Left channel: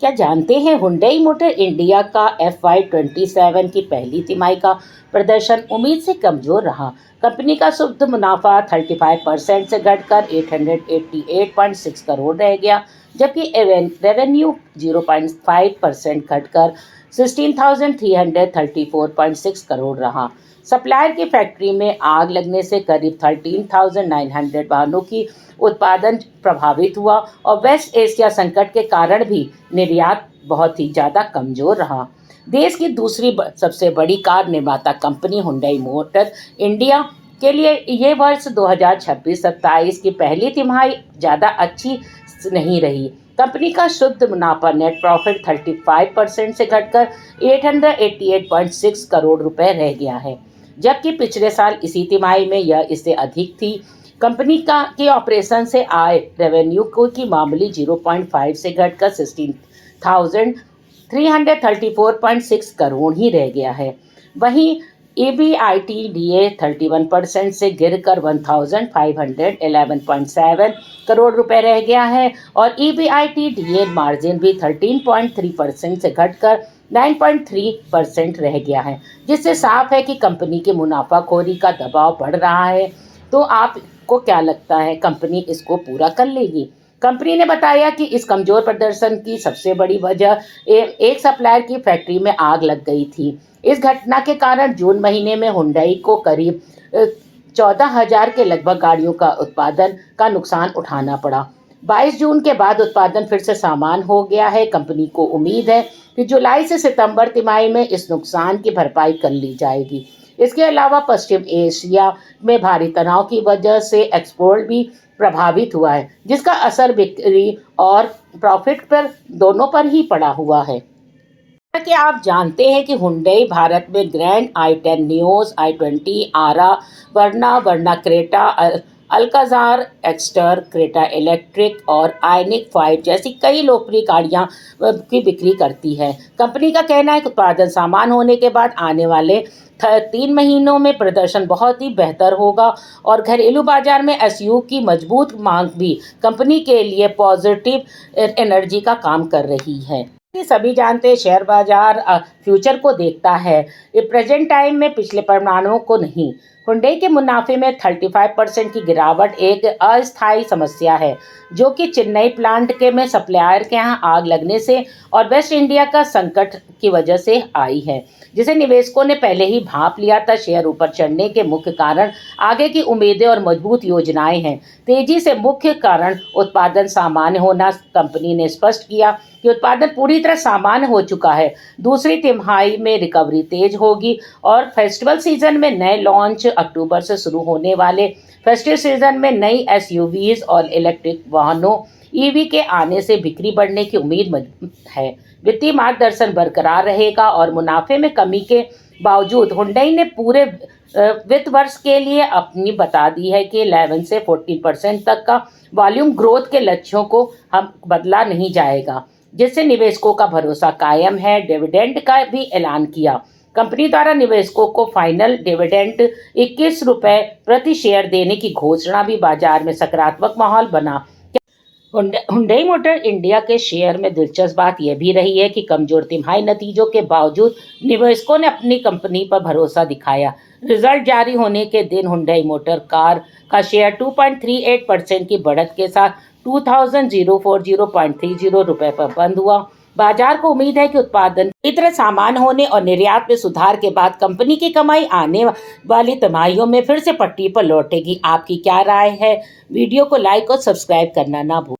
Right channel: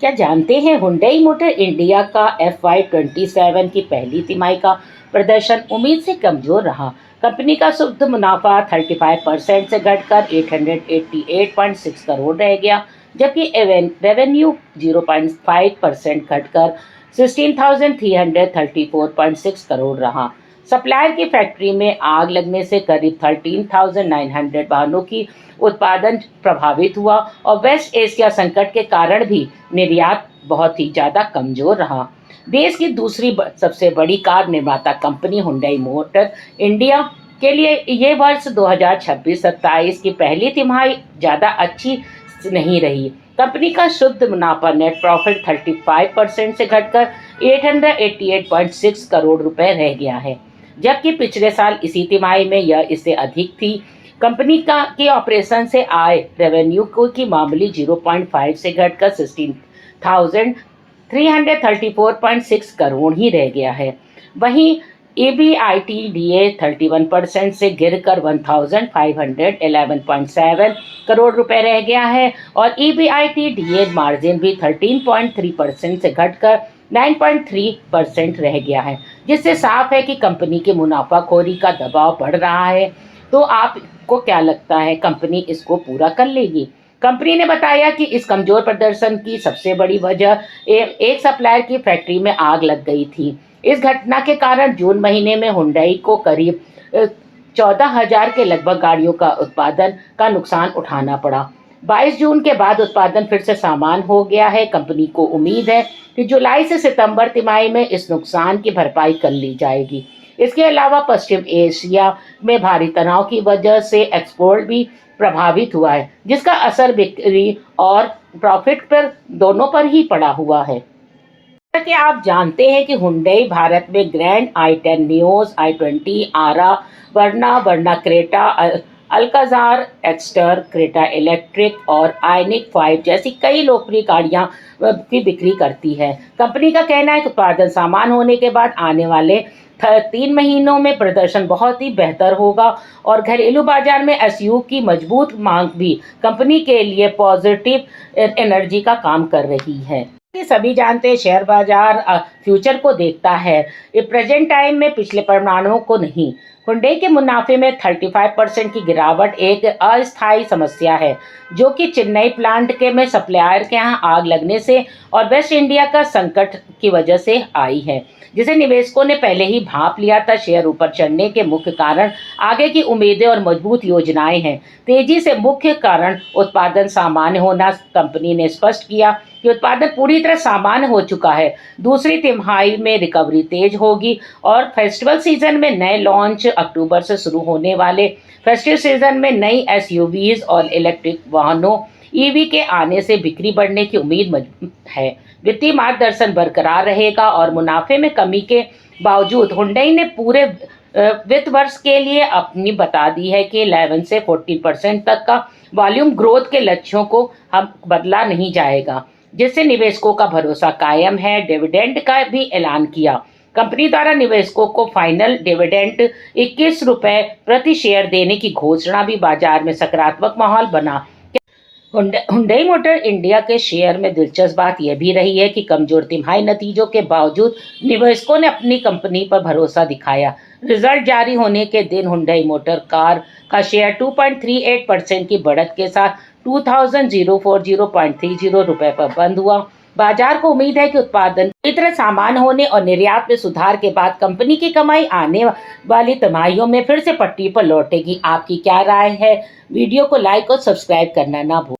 क्या जानते हैं हुंडई मोटर इंडिया का FY27 की पहली तिमाही का प्रदर्शन उम्मीद से कमजोर रहा। कंपनी का शुद्ध मुनाफा 35% से घटकर 888.6 करोड़ रह गया, जबकि रेवेन्यू 0.5% घटकर 16,334.6 करोड़ रहा। सप्लायर की फैक्ट्री में आग लगने से करीब 13,900 वाहनों की उत्पादन प्रभावित हुआ और वेस्ट एशिया संकट के कारण भी निर्यात बहुत ही ज़्यादा कमज़ोर रहा। देश की दूसरी सबसे बड़ी कार निर्माता कंपनी हुंडई मोटर इंडिया के लिए ये वर्ष 2026-27 की पहली तिमाही ज़्यादा अच्छी नहीं रही। कंपनी का शुद्ध मुनाफा नेट प्रॉफिट 35% से घटकर 888.6 करोड़ रुपए रह गया है, जबकि पिछले साल इसी तिमाही में यह इससे अधिक थी। कंपनी के ऑपरेशन से आय रेवेन्यू की मामूली 0.5 से घटकर 16,334.6 करोड़ ही रह गया है। वहीं EBITDA 31% से गिरकर 1,511.7 करोड़ रुपए रह गया है और EBITDA मार्जिन भी 13.3% से घटकर 9.3% रह गया है, जिससे साफ है कि कंपनी के मुनाफाखोरी का दबाव बढ़ रहा है। तो आपको क्या लगता है, कंपनी इसको पूरा कर लेगी? कंपनी ने बताया कि इस कमजोर प्रदर्शन की सबसे बड़ी वजह एक सप्लायर की फैक्ट्री में आग लग गई थी। इस घटना के कारण जून महीने में हुंडई को करीब 14,000 के लगभग गाड़ियों का उत्पादन का नुकसान उठाना पड़ा। 22 जून के बाद उत्पादन फिर से सामान्य हो गया है। कंपनी को उम्मीद है कि जुलाई से सितंबर तिमाही में इस नुकसान की भरपाई कर ली जाएगी। इसके अलावा पश्चिम एशिया में भारी तनाव की वजह से एक्सपोर्ट भी प्रभावित हुआ है, जिसका असर बिक्री और प्रॉफिट पर दोनों पर ही पड़ा हुआ है। जैसा कि आप जानते हैं कि हुंडई भारत में grand i10 Nios, i20, Aura, Verna Creta, Alcazar, Exter, Creta electric और आइनिक 5 जैसी कई लोकप्रिय गाड़ियां की बिक्री करती है। कंपनी का कहना है कि उत्पादन सामान्य होने के बाद आने वाले 3 महीनों में प्रदर्शन बहुत ही बेहतर होगा और घरेलू बाजार में एसयूवी की मजबूत मांग भी कंपनी के लिए पॉजिटिव एनर्जी का काम कर रही है। ये सभी जानते हैं शेयर बाजार फ्यूचर को देखता है, ये प्रेजेंट टाइम में पिछले परिणामों को नहीं। हुंडई के मुनाफे में 35% की गिरावट एक अस्थायी समस्या है, जो कि चेन्नई प्लांट के में सप्लायर के यहाँ आग लगने से और वेस्ट इंडिया का संकट की वजह से आई है, जिसे निवेशकों ने पहले ही भांप लिया था। शेयर ऊपर चढ़ने के मुख्य कारण आगे की उम्मीदें और मजबूत योजनाएं हैं। तेजी से मुख्य कारण उत्पादन सामान्य होना। कंपनी ने स्पष्ट किया कि उत्पादन पूरी तरह सामान्य हो चुका है। दूसरी तिमाही में रिकवरी तेज होगी और फेस्टिवल सीजन में नए लॉन्च, अक्टूबर से शुरू होने वाले फेस्टिव सीजन में नई एसयूवीज और इलेक्ट्रिक वाहनों ईवी के आने से बिक्री बढ़ने की उम्मीद है। वित्तीय मार्गदर्शन बरकरार रहेगा और मुनाफे में कमी के बावजूद हुंडई ने पूरे वित्त वर्ष के लिए अपनी बता दी है कि 11 से 14% तक का वॉल्यूम ग्रोथ के लक्ष्यों को हम बदला नहीं जाएगा, जिससे निवेशकों का भरोसा कायम है। डिविडेंड का भी ऐलान किया। कंपनी द्वारा निवेशकों को फाइनल डिविडेंड 21 रुपये प्रति शेयर देने की घोषणा भी बाजार में सकारात्मक माहौल बना। हुंडई मोटर इंडिया के शेयर में दिलचस्प बात यह भी रही है कि कमजोर तिमाही नतीजों के बावजूद निवेशकों ने अपनी कंपनी पर भरोसा दिखाया। रिजल्ट जारी होने के दिन हुंडई मोटर कार का शेयर 2.38% की बढ़त के साथ 2,040.30 रुपये पर बंद हुआ। बाजार को उम्मीद है कि उत्पादन पूरी तरह सामान्य होने और निर्यात में सुधार के बाद कंपनी की कमाई आने वाली तिमाहियों में फिर से पटरी पर लौटेगी। आपकी क्या राय है? वीडियो को लाइक और सब्सक्राइब करना ना भूलें।